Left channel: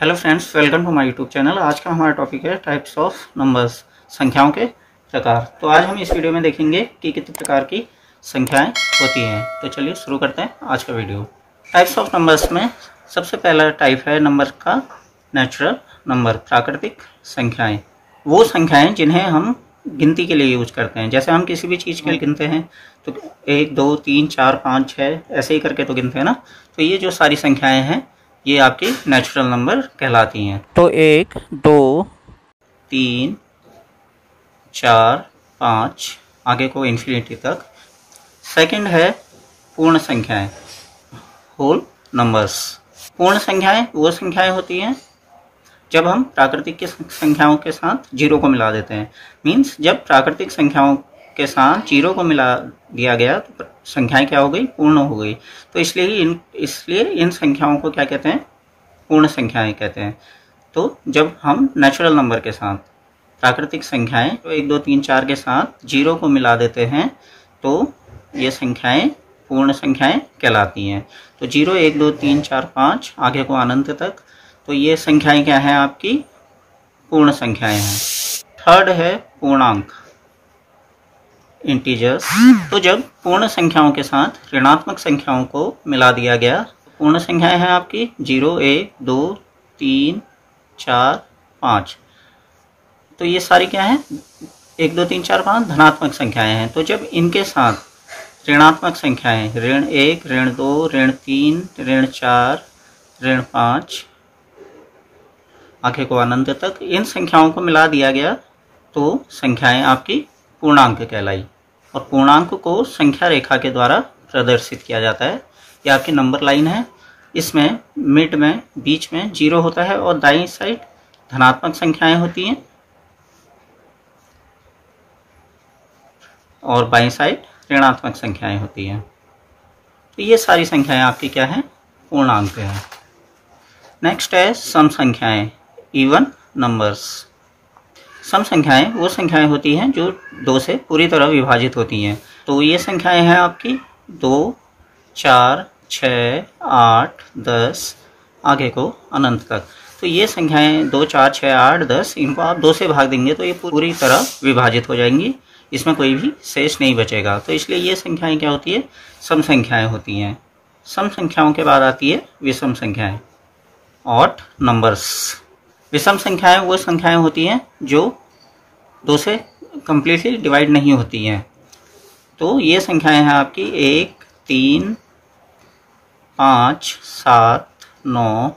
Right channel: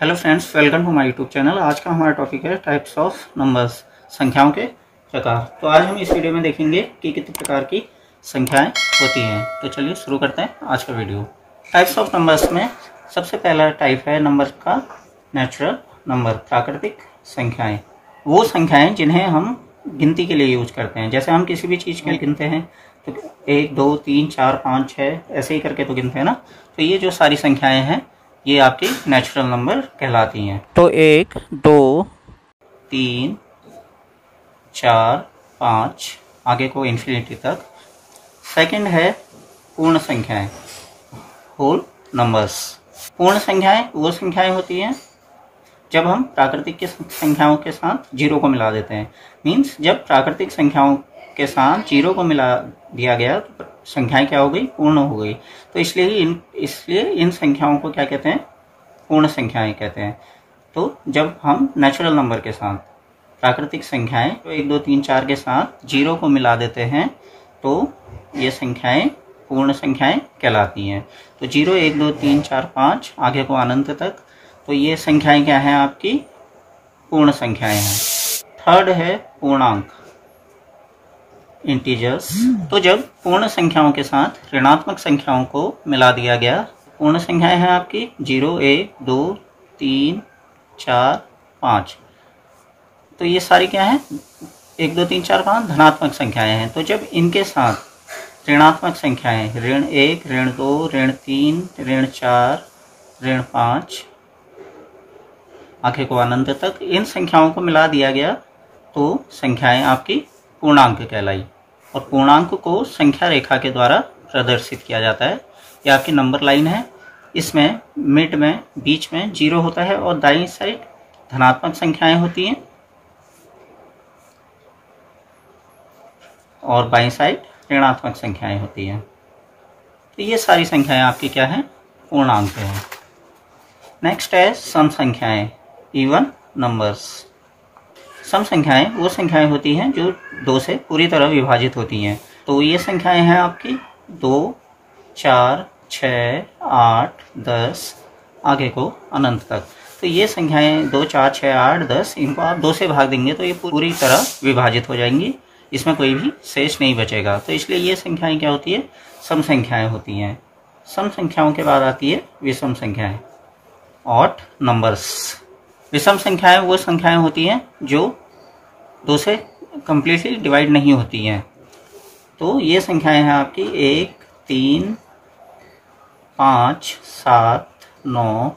Hello friends, welcome to my YouTube channel. आज का हमारा टॉपिक है टाइप्स ऑफ नंबर्स, संख्याओं के प्रकार। तो आज हम इस वीडियो में देखेंगे कि कितने प्रकार की संख्याएं होती हैं। तो चलिए शुरू करते हैं आज का वीडियो। टाइप्स ऑफ नंबर्स में सबसे पहला टाइप है नंबर का नेचुरल नंबर, प्राकृतिक संख्याएं। वो संख्याएं जिन्हें हम गिनती के लिए यूज करते हैं। जैसे हम किसी भी चीज़ के लिए गिनते हैं तो 1 2 3 4 5 6 ऐसे ही करके तो गिनते हैं ना। तो ये जो सारी संख्याएं हैं ये आपकी नेचुरल नंबर कहलाती हैं। तो 1 2 3 4 5 आगे को इन्फिनिटी तक। सेकंड है पूर्ण संख्याएं, होल नंबर्स। पूर्ण संख्याएं वो संख्याएं होती हैं जब हम प्राकृतिक की संख्याओं के साथ जीरो को मिला देते हैं। मीन्स जब प्राकृतिक संख्याओं के साथ जीरो को मिला दिया गया तो संख्याएं क्या हो गई, पूर्ण हो गई। तो इसलिए इन संख्याओं को क्या कहते हैं, पूर्ण संख्याएं कहते हैं। तो जब हम नेचुरल नंबर के साथ प्राकृतिक संख्याएं तो 1 2 3 4 के साथ जीरो को मिला देते हैं तो ये संख्याएं पूर्ण संख्याएं कहलाती हैं। तो 0 1 2 3 4 5 आगे को अनंत तक, तो ये संख्याएं क्या हैं, आपकी पूर्ण संख्याएं हैं। थर्ड है पूर्णांक, इंटीजर्स। तो जब पूर्ण संख्याओं के साथ ऋणात्मक संख्याओं को मिला दिया गया, पूर्ण संख्याएं हैं आपकी 0 1 2 3 4 5। तो ये सारी क्या है, 1 2 3 4 5 धनात्मक संख्याएं हैं। तो जब इनके साथ ऋणात्मक संख्याएं ऋण 1 ऋण 2 ऋण 3 ऋण 4 ऋण 5 आगे को अनंत तक, इन संख्याओं को मिला दिया गया तो संख्याएं आपकी पूर्णांक कहलाई। और पूर्णांक को संख्या रेखा के द्वारा प्रदर्शित किया जाता है। ये आपकी नंबर लाइन है, इसमें मिड में बीच में 0 होता है और दाईं साइड धनात्मक संख्याएं होती हैं और बाईं साइड ऋणात्मक संख्याएं होती हैं। तो ये सारी संख्याएं आपकी क्या है, पूर्णांक है। नेक्स्ट है सम संख्याएं, इवन नंबर्स। सम संख्याएं वो संख्याएं होती हैं जो 2 से पूरी तरह विभाजित होती हैं। तो ये संख्याएं हैं आपकी 2 4 6 8 10 आगे को अनंत तक। तो ये संख्याएं 2 4 6 8 10, इनको आप 2 से भाग देंगे तो ये पूरी तरह विभाजित हो जाएंगी, इसमें कोई भी शेष नहीं बचेगा। तो इसलिए ये संख्याएं क्या होती है, सम संख्याएं होती हैं। सम संख्याओं के बाद आती है विषम संख्याएं, ऑड नंबर्स। विषम संख्याएं वो संख्याएं होती हैं जो 2 से कंप्लीटली डिवाइड नहीं होती हैं। तो ये संख्याएं हैं आपकी 1 3 5 7 9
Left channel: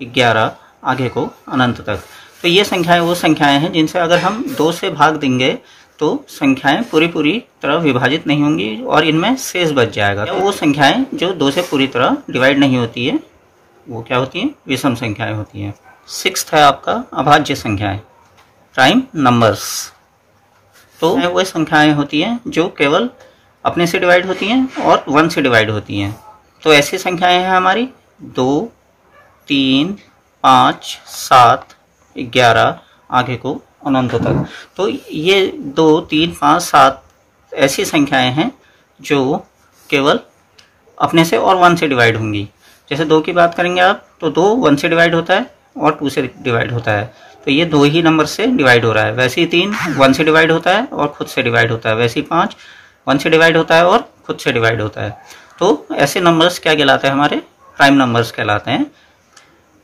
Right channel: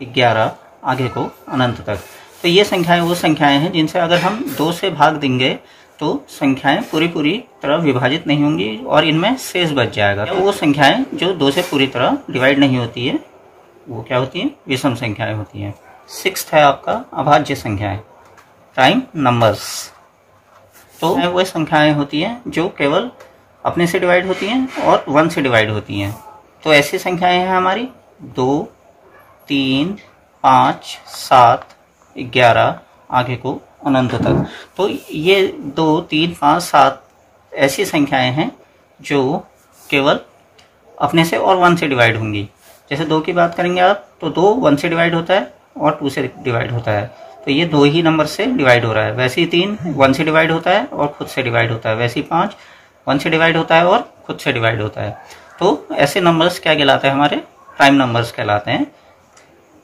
11 आगे को अनंत तक। तो ये संख्याएं वो संख्याएं हैं जिनसे अगर हम 2 से भाग देंगे तो संख्याएं पूरी तरह विभाजित नहीं होंगी और इनमें शेष बच जाएगा। तो वो संख्याएं जो 2 से पूरी तरह डिवाइड नहीं होती है वो क्या होती है, विषम संख्याएं होती हैं। 6th है आपका अभाज्य संख्याएं, प्राइम नंबर्स। तो वो संख्याएं होती हैं जो केवल अपने से डिवाइड होती हैं और 1 से डिवाइड होती हैं। तो ऐसी संख्याएं हैं हमारी 2 3 5 7 11 आगे को अनंत तक। तो ये 2 3 5 7 ऐसी संख्याएं हैं जो केवल अपने से और 1 से डिवाइड होंगी। जैसे 2 की बात करेंगे आप तो 2 1 से डिवाइड होता है और 2 से डिवाइड होता है, तो ये 2 ही नंबर से डिवाइड हो रहा है। वैसे ही 3 1 से डिवाइड होता है और खुद से डिवाइड होता है। वैसे ही 5 1 से डिवाइड होता है और खुद से डिवाइड होता है। तो ऐसे नंबर्स क्या कहलाते हैं, हमारे प्राइम नंबर्स कहलाते हैं।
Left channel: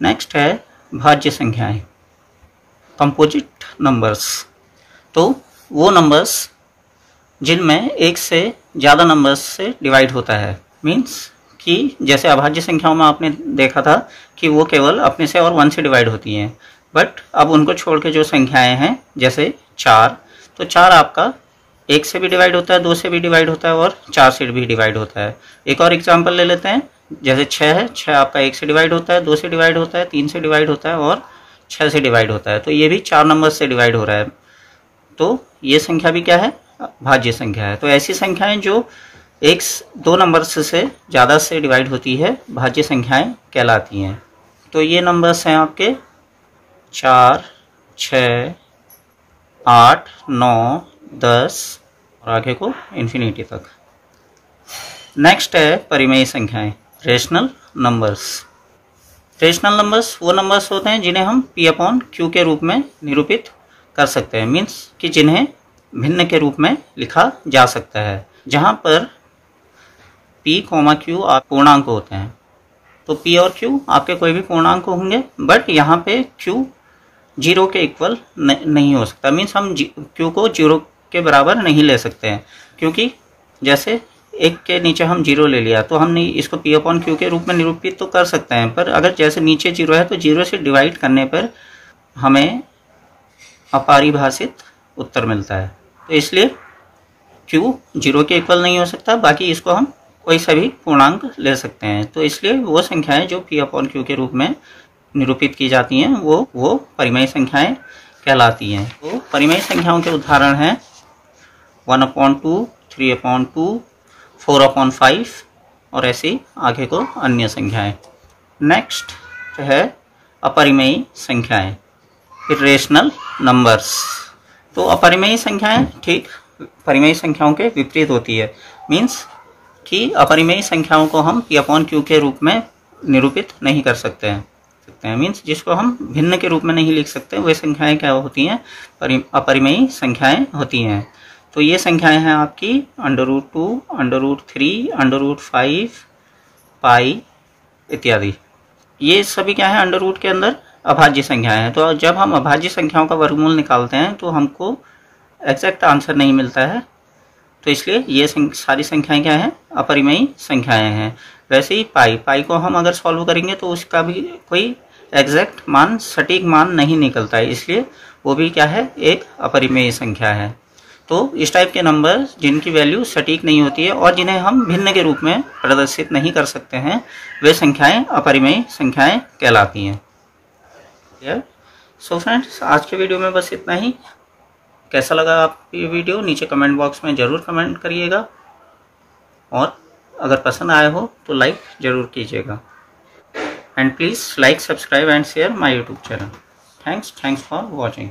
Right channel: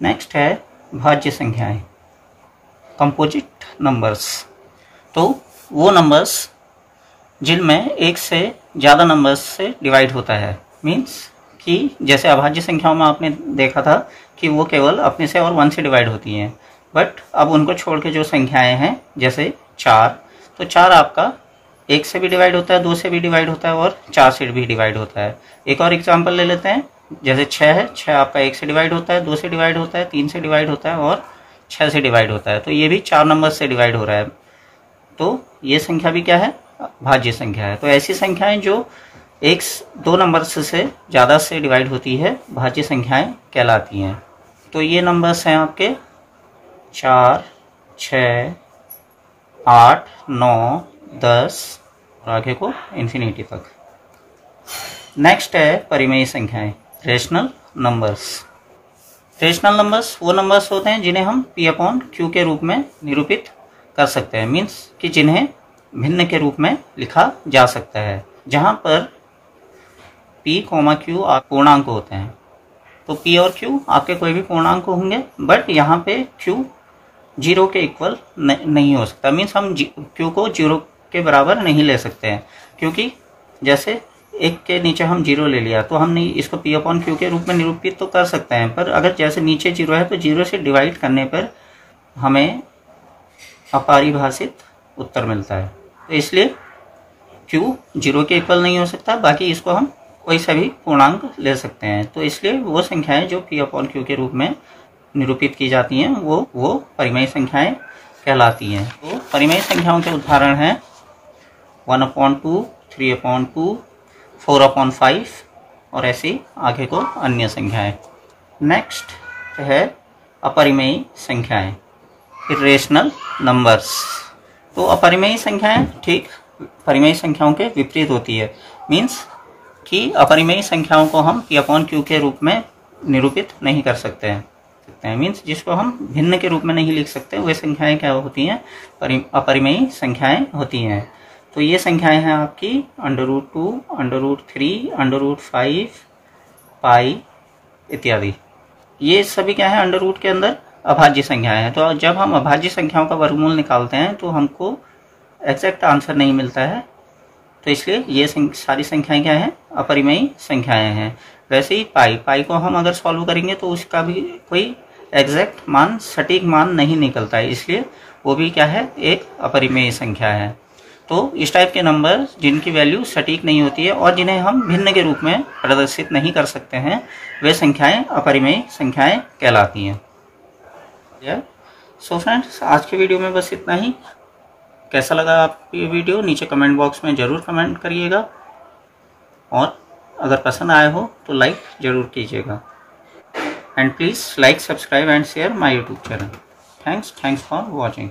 नेक्स्ट है भाज्य संख्याएं, कंपोजिट नंबर्स। तो वो नंबर्स जिनमें एक से ज़्यादा नंबर्स से डिवाइड होता है। मीन्स कि जैसे अभाज्य संख्याओं में आपने देखा था कि वो केवल अपने से और 1 से डिवाइड होती हैं, बट अब उनको छोड़ के जो संख्याएं हैं जैसे 4, तो 4 आपका 1 से भी डिवाइड होता है, 2 से भी डिवाइड होता है और 4 से भी डिवाइड होता है। एक और एग्जांपल ले लेते हैं, जैसे 6 है, 6 आपका 1 से डिवाइड होता है, 2 से डिवाइड होता है, 3 से डिवाइड होता है और 6 से डिवाइड होता है। तो ये भी 4 नंबर से डिवाइड हो रहा है। तो ये संख्या भी क्या है, भाज्य संख्या है। तो ऐसी संख्याएं जो 2 नंबर से ज़्यादा से डिवाइड होती है भाज्य संख्याएं कहलाती हैं। तो ये नंबर्स हैं आपके 4 6 8 9 10 और आगे को इन्फिनिटी तक। नेक्स्ट है परिमेय संख्याएं, रेशनल नंबर्स। रेशनल नंबर्स वो नंबर्स होते हैं जिन्हें हम p अपॉन क्यू के रूप में निरूपित कर सकते हैं, मीन्स कि जिन्हें भिन्न के रूप में लिखा जा सकता है, जहां पर p, q पूर्णांक होते हैं। तो p और q आपके कोई भी पूर्णांक होंगे, बट यहाँ पे q 0 के इक्वल नहीं हो सकता, मीन्स हम q को 0 के बराबर नहीं ले सकते हैं, क्योंकि जैसे 1 के नीचे हम 0 ले लिया तो हम इसको p अपॉन क्यू के रूप में निरूपित तो कर सकते हैं, पर अगर जैसे नीचे 0 है तो 0 से डिवाइड करने पर हमें अपरिभाषित उत्तर मिलता है। तो इसलिए q 0 के इक्वल नहीं हो सकता, बाकी इसको हम कोई सा भी पूर्णांक ले सकते हैं। तो इसलिए वो संख्याएं जो p अपॉन क्यू के रूप में निरूपित की जाती हैं वो परिमेय संख्याएं कहलाती हैं। वो परिमेय संख्याओं के उदाहरण हैं 1/2, 3/2, 4/5 और ऐसे आगे को अन्य संख्याएं। नेक्स्ट है अपरिमेय संख्याएं, इरेशनल नंबर्स। तो अपरिमेय संख्याएं ठीक परिमेय संख्याओं के विपरीत होती है, मीन्स कि अपरिमेय संख्याओं को हम p अपॉन क्यू के रूप में निरूपित नहीं कर सकते हैं, मीन्स जिसको हम भिन्न के रूप में नहीं लिख सकते, वे संख्याएं क्या होती हैं, अपरिमेय संख्याएं होती हैं। तो ये संख्याएं हैं आपकी √2, √3, √5, पाई इत्यादि। ये सभी क्या है, अंडर रूट के अंदर अभाज्य संख्याएं हैं। तो जब हम अभाज्य संख्याओं का वर्गमूल निकालते हैं तो हमको एग्जैक्ट आंसर नहीं मिलता है, तो इसलिए ये सारी संख्याएं क्या हैं, अपरिमेय संख्याएं हैं। वैसे ही पाई को हम अगर सॉल्व करेंगे तो उसका भी कोई एग्जैक्ट मान, सटीक मान नहीं निकलता है, इसलिए वो भी क्या है, एक अपरिमेय संख्या है। तो इस टाइप के नंबर जिनकी वैल्यू सटीक नहीं होती है और जिन्हें हम भिन्न के रूप में प्रदर्शित नहीं कर सकते हैं, वे संख्याएं अपरिमेय संख्याएं कहलाती हैं। सो फ्रेंड्स, आज के वीडियो में बस इतना ही। कैसा लगा आपको ये वीडियो, नीचे कमेंट बॉक्स में ज़रूर कमेंट करिएगा, और अगर पसंद आया हो तो लाइक ज़रूर कीजिएगा। And please like, subscribe and share my YouTube channel. Thanks for watching.